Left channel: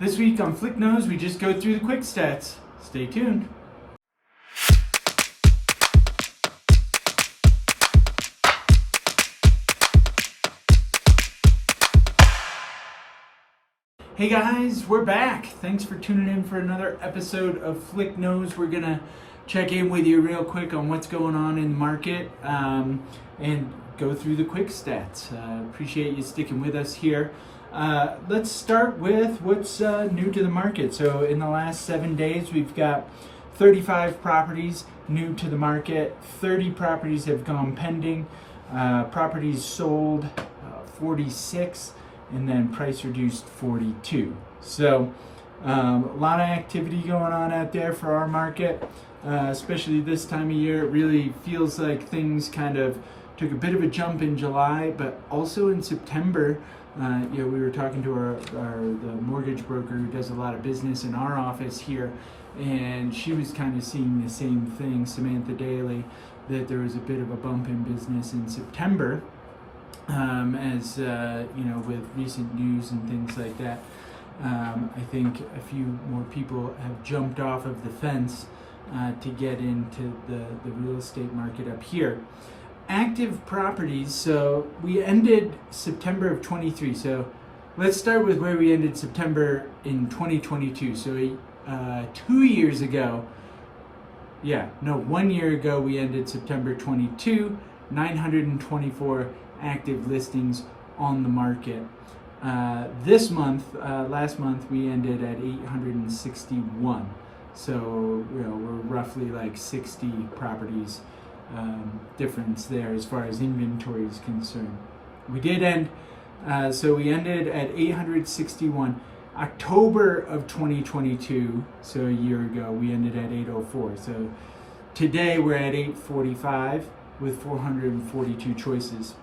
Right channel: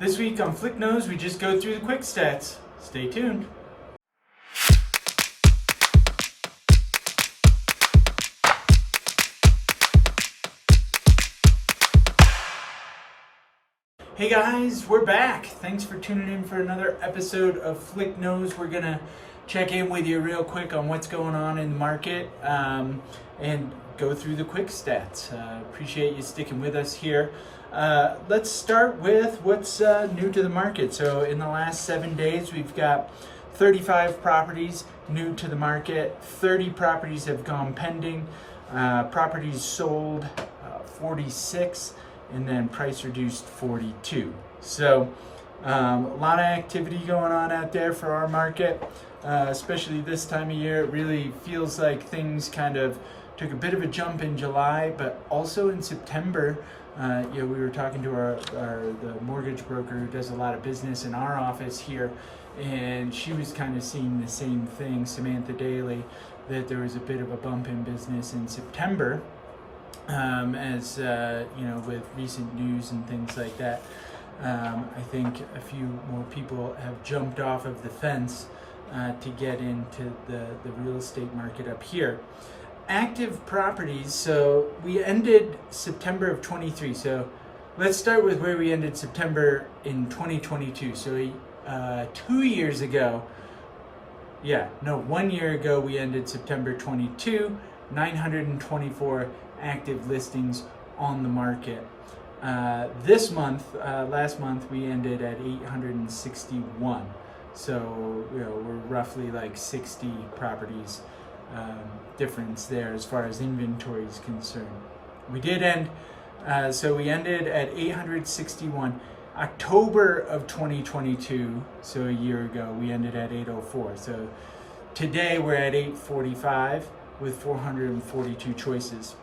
This week on Flick Knows, we just go through the quick stats. Stay tuned. Hey guys, we're back. Thanks for tuning in for another episode of Flick Knows. We're gonna check in with you real quick on what's going on in the market and go through the quick stats. Appreciate you sticking with us here. Let's start with what's new to the market. So in the last 7 days, we've got 35 properties new to the market. 30 properties have gone pending. Properties sold 46. And then price reduced 42. So a lot of activity going on out there for our market, especially this time of year. It really feels like things kind of took a bit of a jump in July, but also in September. We were talking to the mortgage broker who does a lot of business in our office here, and she was kind of seeing the same thing, Samantha Daly, that there was a bit of a bump in business in September. With recent news and things like that, I think a few more people have jumped off of the fence to get into the real estate market up here. Active properties, so we ended September of 23. So let's start with where we ended September in 2022. So 2 years ago, 1 year ago, we ended September 22, 924 active listings on the market. Last month we ended at 861. So we're roughly like 60 properties difference there as far as inventory is concerned. We did end, we ended at 861. October of 2022, so a year ago, we ended at 804. So today we're at 845 with 442 choices.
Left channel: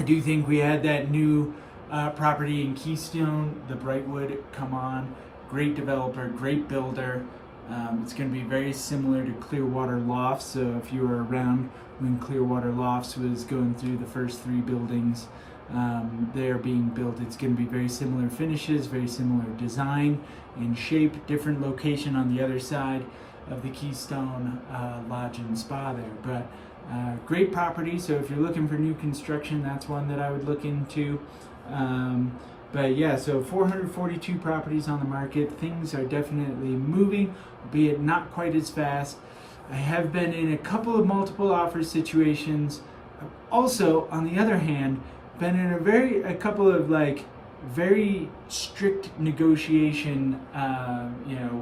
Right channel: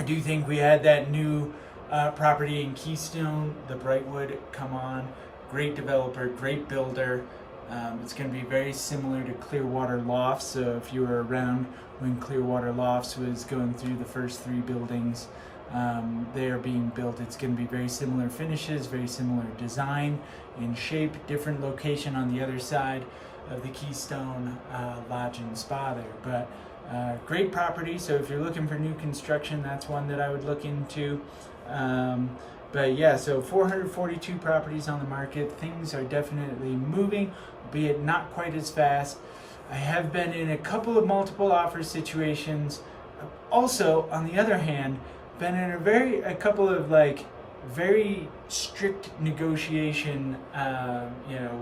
I do think we had that new property in Keystone, the Brightwood, come on. Great developer, great builder. It's going to be very similar to Clearwater Lofts. So if you were around when Clearwater Lofts was going through the first 3 buildings, they are being built. It's going to be very similar finishes, very similar design and shape, different location on the other side of the Keystone Lodge and Spa there. But great property, so if you're looking for new construction, that's one that I would look into. So 442 properties on the market. Things are definitely moving, albeit not quite as fast. I have been in a couple of multiple offer situations. Also, on the other hand, been in a couple of very strict negotiation,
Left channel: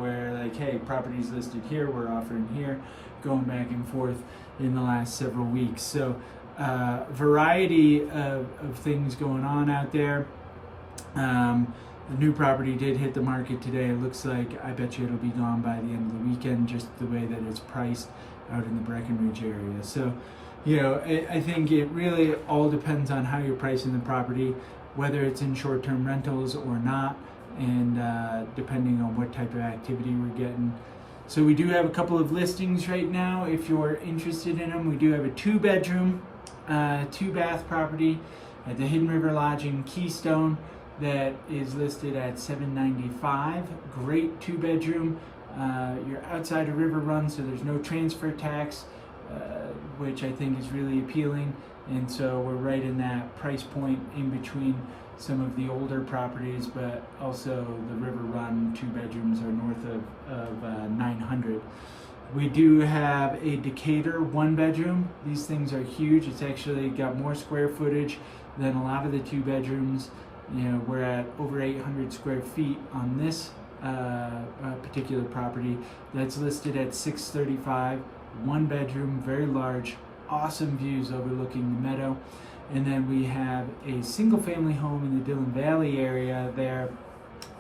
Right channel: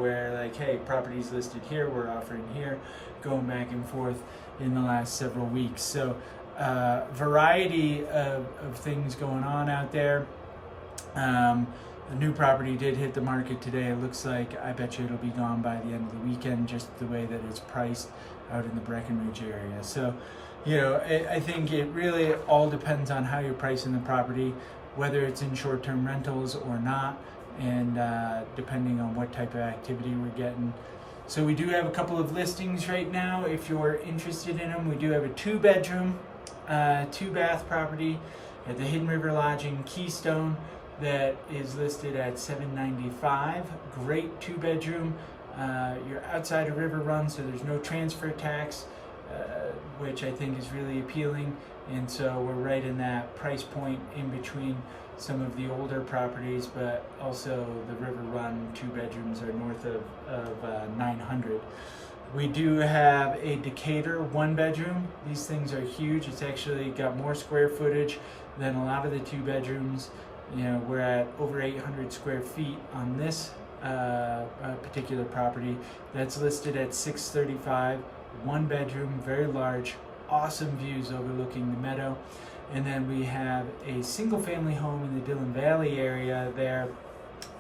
where hey, property's listed here, we're offering here, going back and forth in the last several weeks. So variety of things going on out there. The new property did hit the market today. It looks like, I bet you it'll be gone by the end of the weekend, just the way that it's priced out in the Breckenridge area. So, I think it really all depends on how you're pricing the property, whether it's in short-term rentals or not, and depending on what type of activity we're getting. So we do have a couple of listings right now. If you're interested in them, we do have a 2-bedroom, 2-bath property at the Hidden River Lodge in Keystone that is listed at $795. Great 2-bedroom. You're outside a river run, so there's no transfer tax, which I think is really appealing. And so we're right in that price point in between some of the older properties, but also the river run 2 bedrooms are north of 900. We do have a Decatur 1-bedroom. These things are huge. It's actually got more square footage than a lot of the 2 bedrooms. We're at over 800 square feet on this particular property. That's listed at $635. 1-bedroom, very large, awesome views overlooking the meadow. And then we have a single family home in the Dillon Valley area there,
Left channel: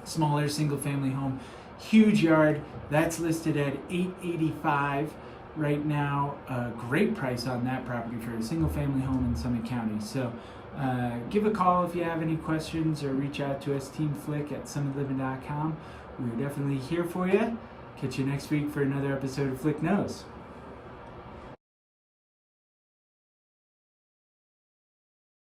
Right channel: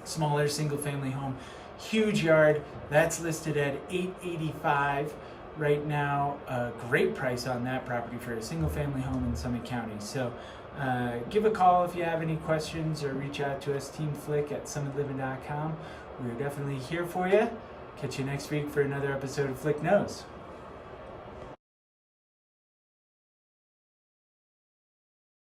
smaller single family home, huge yard. That's listed at $885 right now. A great price on that property for a single family home in Summit County. So give a call if you have any questions, or reach out to us, teamflick@summitliving.com. We're definitely here for you. Catch you next week for another episode of Flick Knows.